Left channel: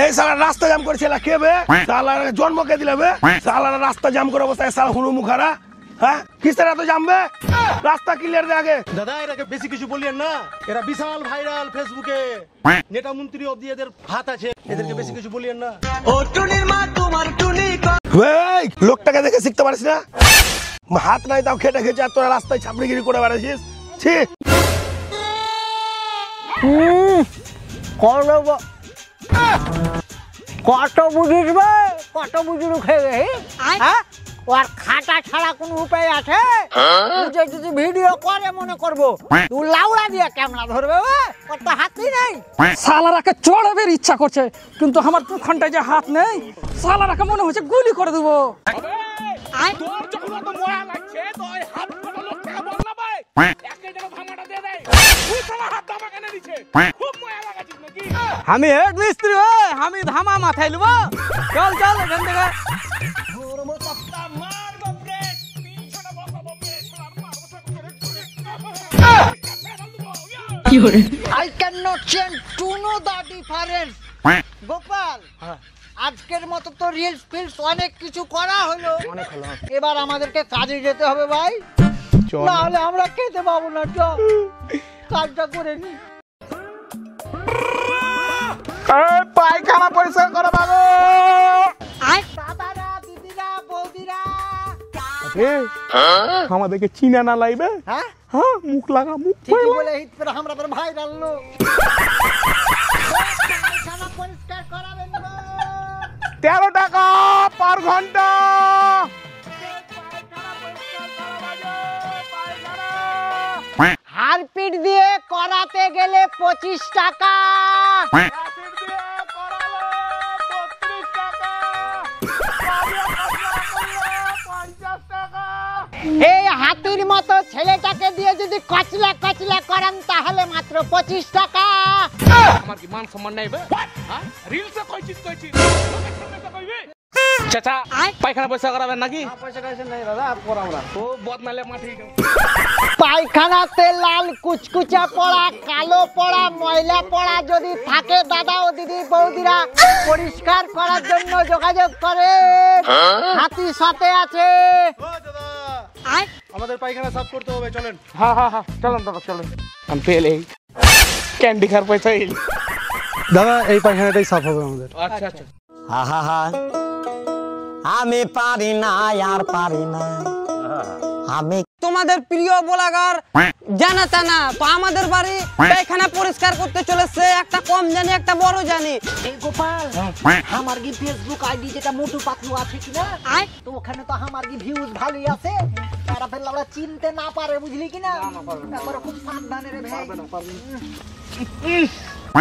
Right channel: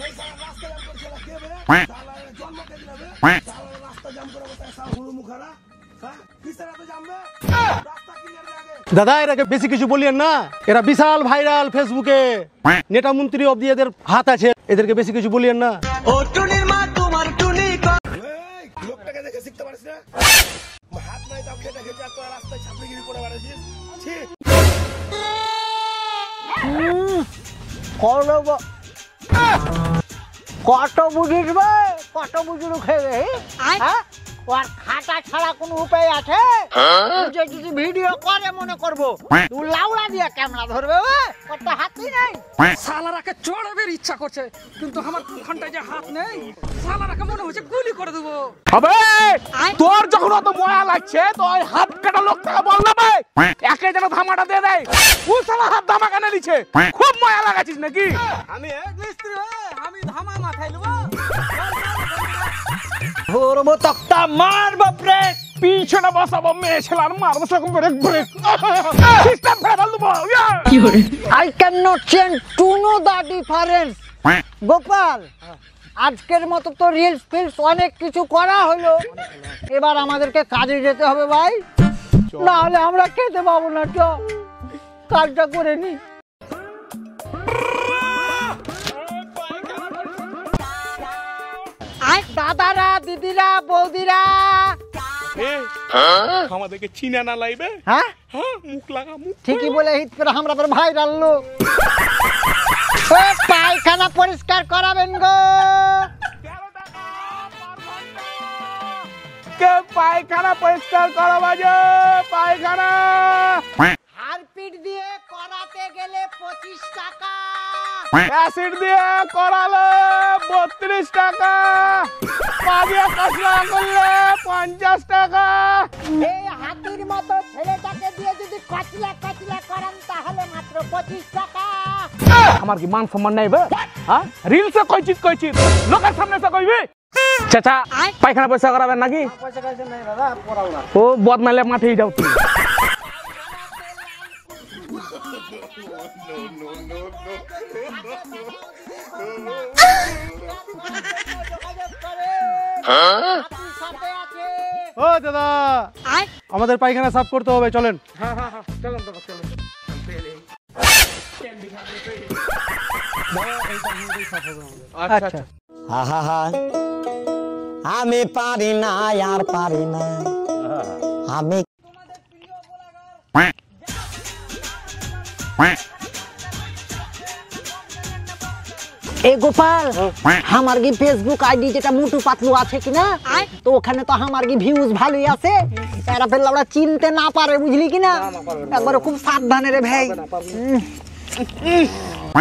এই শালা রাস্তা জাম করছিল কে বে? শালা জন্ম কে দিলে বে? শালা রাস্তা জাম করে অবস্থায় শালা হুনু মুখারা, হ্যাঁ কিসের এত জামবে? রাস্তা ক্লিয়ার দে আগে। দাদা এরাকে বেশি কিছু বলিয়েন না, এরা বিশাল ভাইরাল ফেসবুকে, নেতা মন্ত্রী অবধি এদের হাত আছে, এদেরকে বেশি কিছু বলিয়েন না। ও টুনির মা তোমার টুনি এই লোকটাকে দেখে শিখতে পারিস না? হাত নাই তাও খেটে খেটে আর তোরা রাস্তায় ছাপড়িগিরি করে বেড়াচ্ছিস। ছি কত বুঝিস ভাই, কত বুঝিস খেয়ে ওর খাটা ছাড়া কোনো উপায় আছে? যদি ভিডিও করে মনে করবো তুই লাউড়া দিয়ে ক্যামেরা ধরবে, কত হাতই নেই। শালারাকে চড়াবের ইচ্ছা করছে, কিন্তু আমার দুখানটায় যে হাত নেই, শালারাকে মনে হচ্ছে গুলি করে দেবো। আবে তোর যখন অত মায়া লাগছে তো ওই হাত কাটা লোকটাকে বল না ভাই, একে যেন ধামাটা দিয়ে দেয়। তুই শালা হাত ধামা কেন দিচ্ছে? খুব মায়া লাগাছিস নাকি? আমি হেড মিস্ত্রি, আমি ধামা মাথায় নেবো। চল চল ধরবো তক্তা মারবো ব্রেক, পিছনে বসাবো মেয়ে ছেলার মারবো সেরকম ব্রেক ব্রেক সিস্টেম ফেলে দেবো। I cannot change to know the difference. Gopal, আজকের মতো তো রিলস ফিলস অনেক কিছু করা হলো, এবার আমাদেরকে কাজে যেতে হবে ভাই, না হলে আমরা খেতে পাবো না। চল কাজটা করে নি। পায়খানা পরিষ্কার করো বাবু। দাদারা, দিদিরা, বৌদিরা, আমাদেরকে চিনা না লাইবে। হ্যাঁ হ্যাঁ মুখ লাগা, মুখ ঠিকই বলে হিট করে আমরা তোর ভাইরাল লোক। পায়খানা পরিষ্কার করাবেন গো। 13 টাকা পার ঘন্টা। কে পায়খানা পরিষ্কার করা বাজে? পায়খানা হারপিট দিয়ে করাতে গেলে 25 টাকা, অ্যাসিড দিয়ে করালে 32 টাকা, পানিয়া কসলা করলে 50 টাকা। এই হাতির মতো ছেলেটাকে দিয়ে যদি কচলা কচলা করান তাহলে মাত্র 25 টাকা। আমার কি মান সম্মান নাই বে? হ্যাঁ রিলসে কইছিস লোকের সামনে এসে কইবি? চাচা পায়খানা পয়সা করাবেন নাকি? ও বদমাইলে মাঠেই যাও। পায়খানাতে লাল কুচকুচা পড়া, কালো পড়া, ময়লা পড়া যদি থাকে দাদা ও দিদি বৌদিরা, পরিষ্কার করার জন্য যোগাযোগ করে, হাতির সাথে আছে। ও দাদা আমাদের পায়খানা সাফ করতে হবে, চলেন। হ্যাঁ হ্যাঁ হ্যাঁ চলেন দাদা চলেন। আমি পেলে ক্যান্ডি খার পয়সা এলি দাদা এই পায়খানাটাই সাফ হবে আমাদের। আচ্ছা আমি পারি না আর পারি না। আমি তোমাদের প্রিয় ব্লগার জানা টানা আমাদের বাড়ি পায়খানা পরিষ্কার করতে চলেছে, একটা কম জানি একটা বড় জানি। এই গোপাল, আমার কি ফেসবুক আইডি যেটা মোটু পাতলু আছে কিনা, তো ওখানে তো আমার কি ভিউজ ভালোই আছে, এরা ফেললে আমরা চিনতে না পারে, বুঝলি কিনা, একবারে খুব সাবধানে রে ভাই।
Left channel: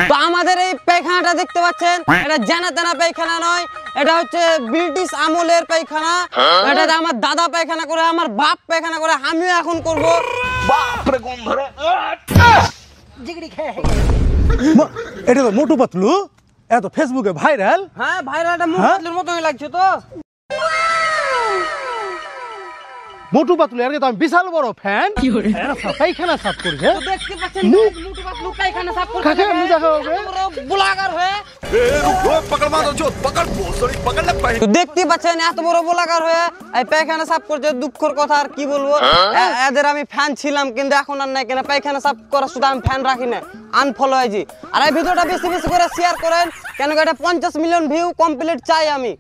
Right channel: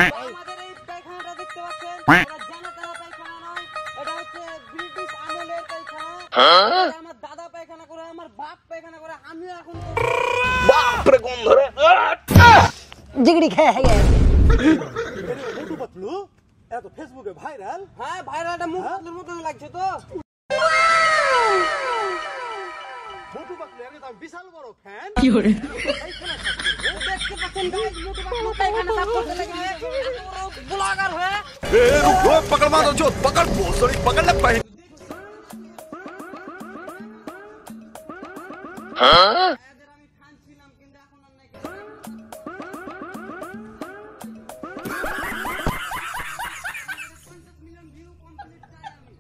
তো আমাদের এই পায়খানাটা দেখতে পাচ্ছেন, এটা জানা টানা পায়খানা নয়, এটা হচ্ছে ব্রিটিশ আমলের পায়খানা। এটা আমার দাদা পায়খানা করে, আমার বাপ পায়খানা করে, আমিও এখন করব। বাপরে গন্ধ রে। জিগড়ি খেয়ে এটা তো মোটু পাতলু, এত ফেসবুকে ভাইরাল। হ্যাঁ ভাইরালটা মুখের মতই লাগছে তো। মোটু পাতলু এর তো আমি বিশাল বড় ফ্যান। পায়খানা সাফ করবে, দেখতে পাচ্ছেন পায়খানা সাফ করতে কাছে আমি দেখা হবে ব্লগার হয়ে। তো দেখতে পাচ্ছেন এত বড় ব্লগার হয়ে এই পায়খানা সাফ করছে, দুঃখের কথা আর কি বলবো। এদের আমি ফ্যান ছিলাম কিন্তু এখন আর নাই, কেন পায়খানা সাফ করা শুধু আমি ফ্যান রাখি না, আনফলো হয়েছি। আর এই ভিডিওটা বেশি বেশি করে শেয়ার করেন, কেন এটা 50 মিলিয়ন ভিউ কমপ্লিট চাই আমি।